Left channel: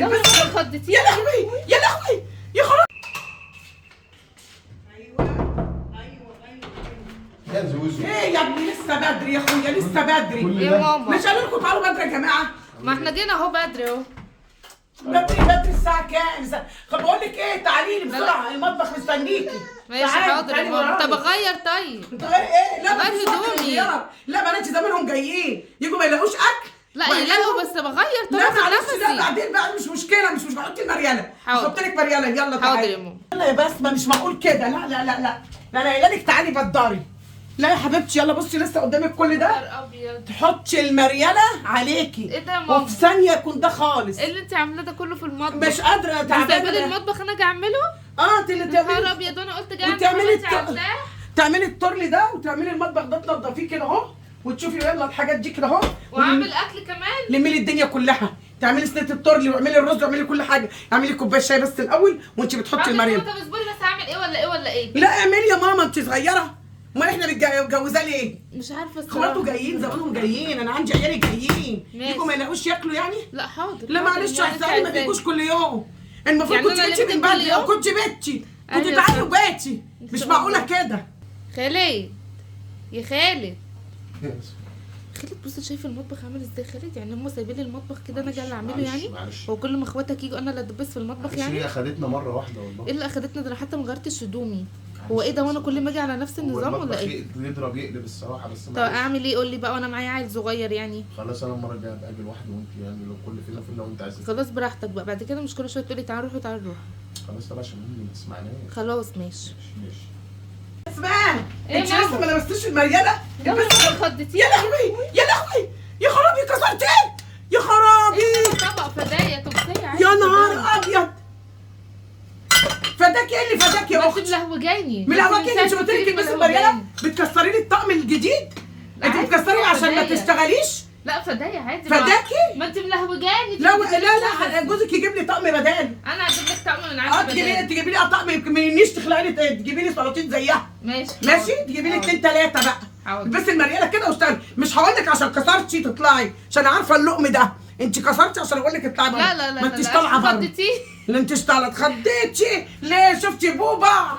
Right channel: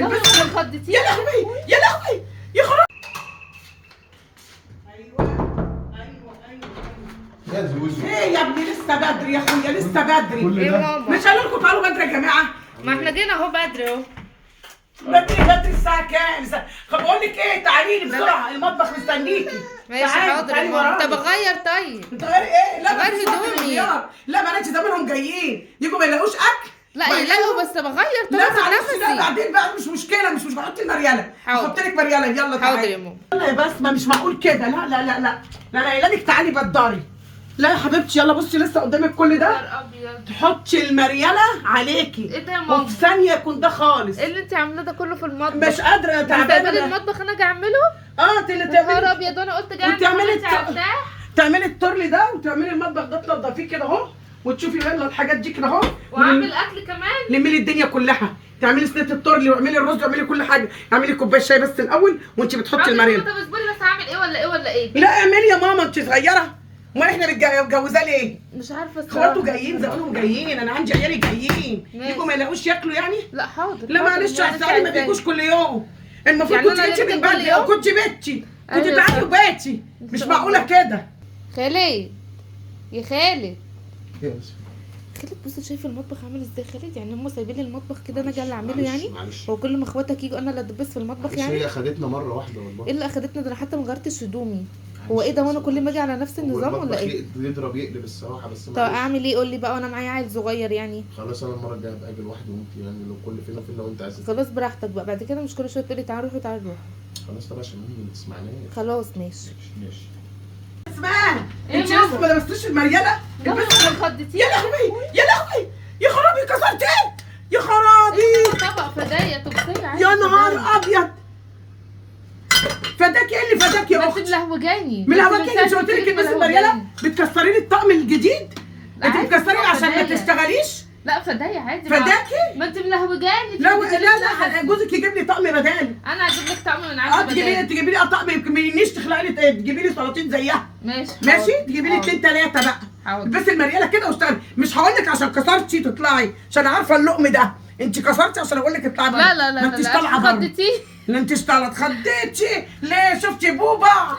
يلا ما خدتيش. يا لهوي يا لهوي يا خرابي. يا زوزو ايه يا ابني لسه بدري يا اخويا لسه بدري. ايه ماما؟ مش قالوا لكم تعالوا بدري يا جماعه؟ ما احنا جينا اهو بدري اهو. بدري الساعه كام؟ طب بقول لك ايه، تعالي لي بسرعه المطبخ مستنيكي. ماشي حاضر يا ماما. طب اغير طيب. تغيري ايه؟ لا غير بس هدومي. لا بناتي زمانهم جايين يجوا ما يلاقوش اكل. لا يلاقوا بس بغير طب لا اخد معلش، لا نفسي. بعدين بقى مش مشكله مش بحط المرياله. حاضر. هحط لك مرياله يلا تعالي. حاضر يا ماما. يلا يا بسمه مش معقول كده. لا لا لا لا لا انا قايله لك تعالي بداري. لا يا حبيبتي يلا بصي لسه قدامك كل ده. نهار ابيض. تحطي المرياله عليكي. ايه ده يا ماما؟ وفي ثانيه يكون ده خالص. ايه اللي انت عاملاه ده كله في المطبخ؟ مش قادره تعبانه تعبانه. المطبخ انا اجي اعمله؟ اه انت اللي نهار تعملي ابيض وانا قلت جاي وتعملي اعمل تعملي الترلي ده وتعملي المطبخ ده تنضفيه كده اهو وتشوفي يلا الحاجات دي كده اهو. واعمل اكل كمان. لمي لي الدنيا كلها. تعملي صينيه الترلي واعملي الرز واعملي كل حاجه. اعملي كوبايه شاي بس الاول وانت بتحطي المريم. طب اصبري بس هعمل ايه ولا ايه ولا ايه؟ لا اعملي يا ماما انت صغيره. امال احنا متجوزاه ليه؟ مش عارفه اخواته الصراحه. جايين زمانهم جايين. انا عندي عيالي جايين ماشي. يجوا ما يلاقوش ياكلوا يعني. لا حاضر. لا حاضر، معلش يعني احسن انت ما بيجوش كل يوم. المفروض يعني كنت أنا جيتي لازم من كل بدري يوم؟ او كنت بيتي كنت أيوة تعالي صح. وبيتي. مش شاء معقوله الله. كده. خالد يا خالد. يس. خالد بص شايف المطبخ عامل ازاي خالد؟ يعني هم سايبين لي المطبخ كده انا جاي اللي اعمله معلش، يعني؟ معلش. هو كل ما اخواتك يجوا انا اللي ادبس في المطبخ معلش، يعني؟ هي خدتنا مره واحده والله. ايه اللي اخدتنا ده؟ انا حتى ما غيرتش هدومي. هو ايه ده وانا كل ما اجي على نفس النظام ولا ايه؟ يضرب يقلب الصراحه بس طب معلش. اعمل ايه؟ قول لي بقى وانا معايا عيل صغير يعني. خلاص انا المره الجايه هبقى اجي لوحدي وانت يعني لو كل فين وفين لو انت عايزه. خلاص براحتك بقى بعد كده مش كل شويه تقولي تعالى نروح تعالى نروح. خلاص طب عشان امي ما تسمعناش. خلاص ماشي. ماشي. اسمعي إيه انت ماما؟ لسه ما لبستيش المرياله؟ لا ما البسي- خدتيش. يا لهوي يا لهوي يا خرابي كسرت ايه؟ يا خرابي طبق فدايه طبسيه عادي. يا فداية. نهار ابيض. فداك ايه اللي فداك يا ما انت اختي؟ ملهوجاني. من ما انت الاول كده مش ساعة قلت ما لك تيجي البسي ملهوجاني. المرياله؟ بتكسري لي الطقم الجديد؟ انت عادي، بتكسري عشان ما فداية. تشتغليش؟ لا فداية عادي. فداكي؟ ما انت ملهوجاني. لا تيجي لا تلبسي. لا جوزك يجيب لي طقم بدالي. انا هجيب لك طقم من اه عندي بدال. تجيبي لي طقم ما ينيش تخلعي لي تجيبي لي سلاطين زيها. ماشي ماشي حاضر. تجيبي لي حاضر. 2 3 بقى. حاضر. بس المرياله كده واشتغلي. مش هقول لك عشان كسرتي تطلعي عشان عارفه اللقم ده. انت كسرتي عشان اقول لك اطلعي بره. لا لا لا ما لا انتش طالعه بره. خدتيه. لا انتش طالعه اتخضيتي ليه؟ شفتي بوبا